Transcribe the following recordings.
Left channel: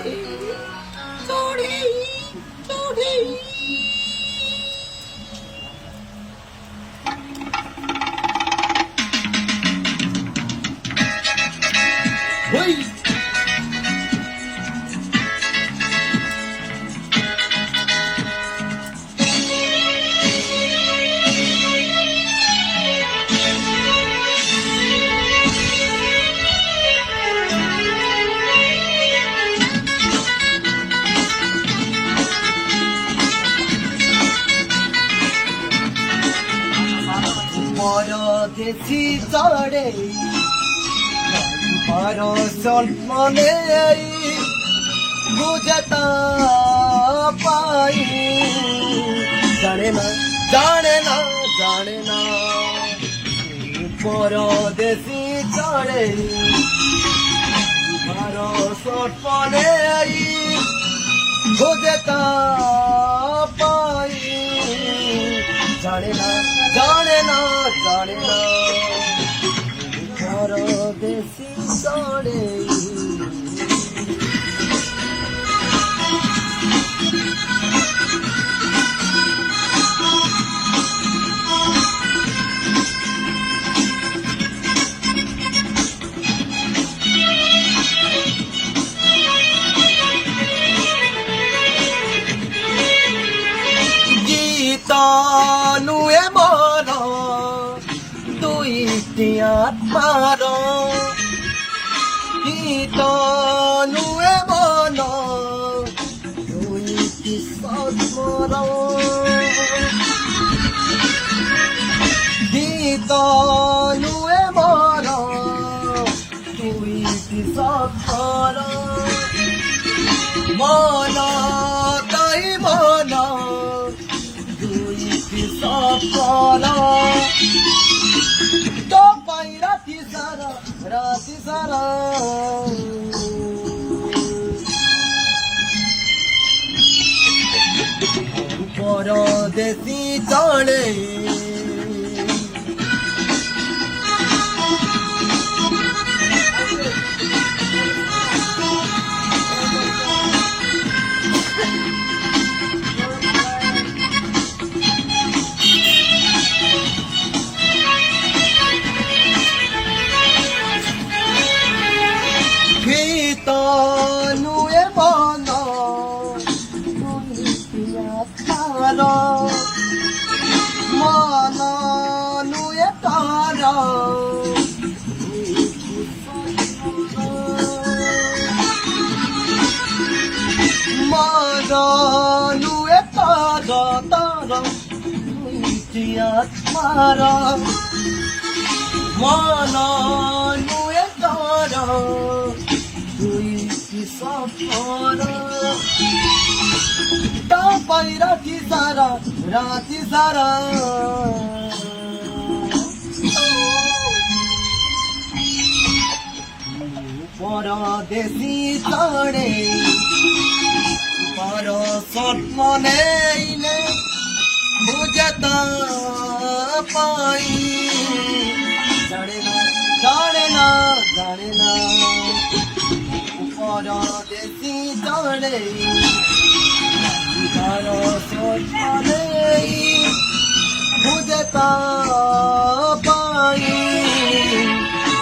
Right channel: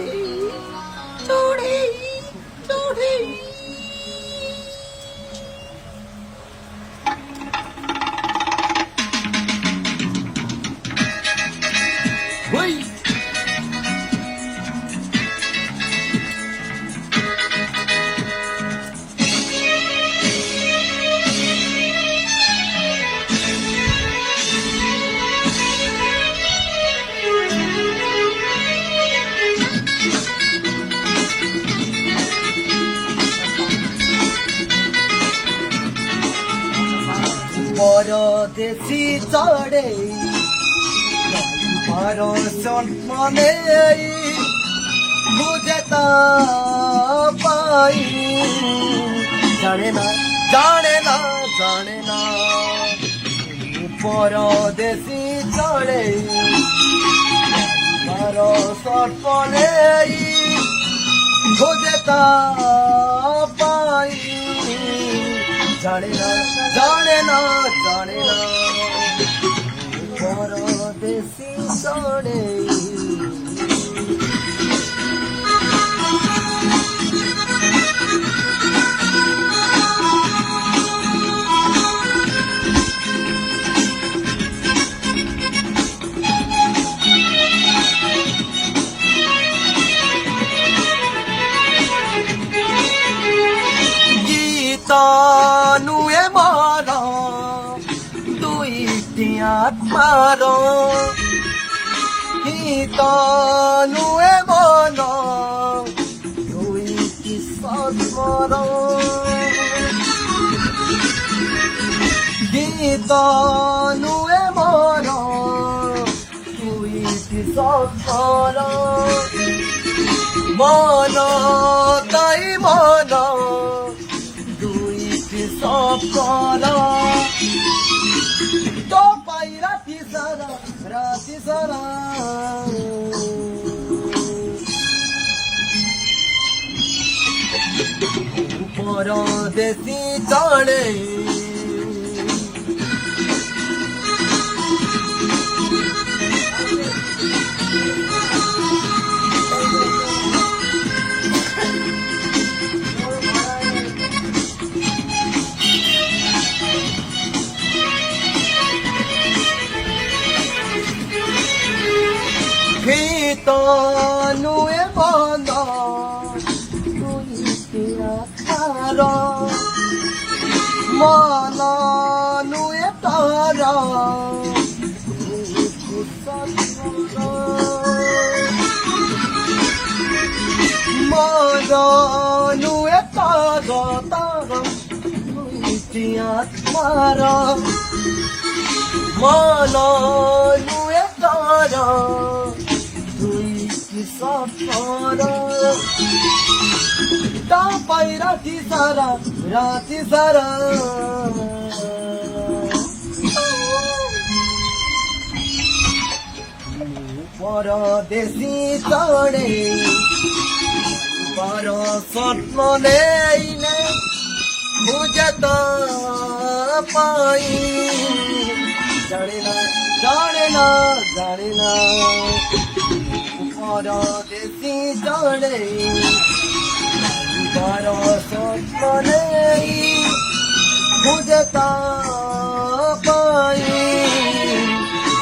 चढ़े चढ़े चढ़े Hey! পরদেশি চড়ে পরশন মনে বুঝে তা পাই জানে না জানে না জানে না পরদেশি চড়ে পরশন মনে বুঝে তা পাই জানে না জানে না জানে না পরদেশি চড়ে নুয়ে মর দুইটি আত্মার গীত নুয়ে মন দুইটি সৎমর গীত নুয়ে মর দুইটি সৎমর মন তাই মন সফল তো পাই রাতি সারা পরদেশি চড়ে গীত নুয়ে মন দুইটি আত্মার মন নুয়ে তর মন নুয়ে তর তর দুইটি আত্মার মন নুয়ে তর পাই রাতি সারা পরদেশি চড়ে পরশত নেই বুঝে তা পাই জানে না জানে না জানে না পরদেশি চড়ে পরশত নেই বুঝে তা পাই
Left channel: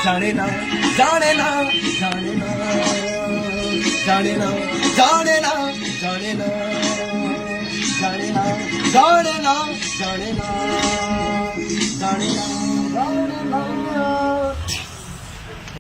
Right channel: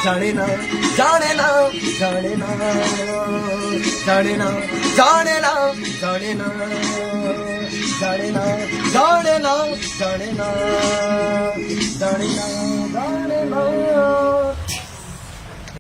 জানে না জানে না জানে না জানে না জানে না জানে না জানে না জানে না জানে না জানে না জানে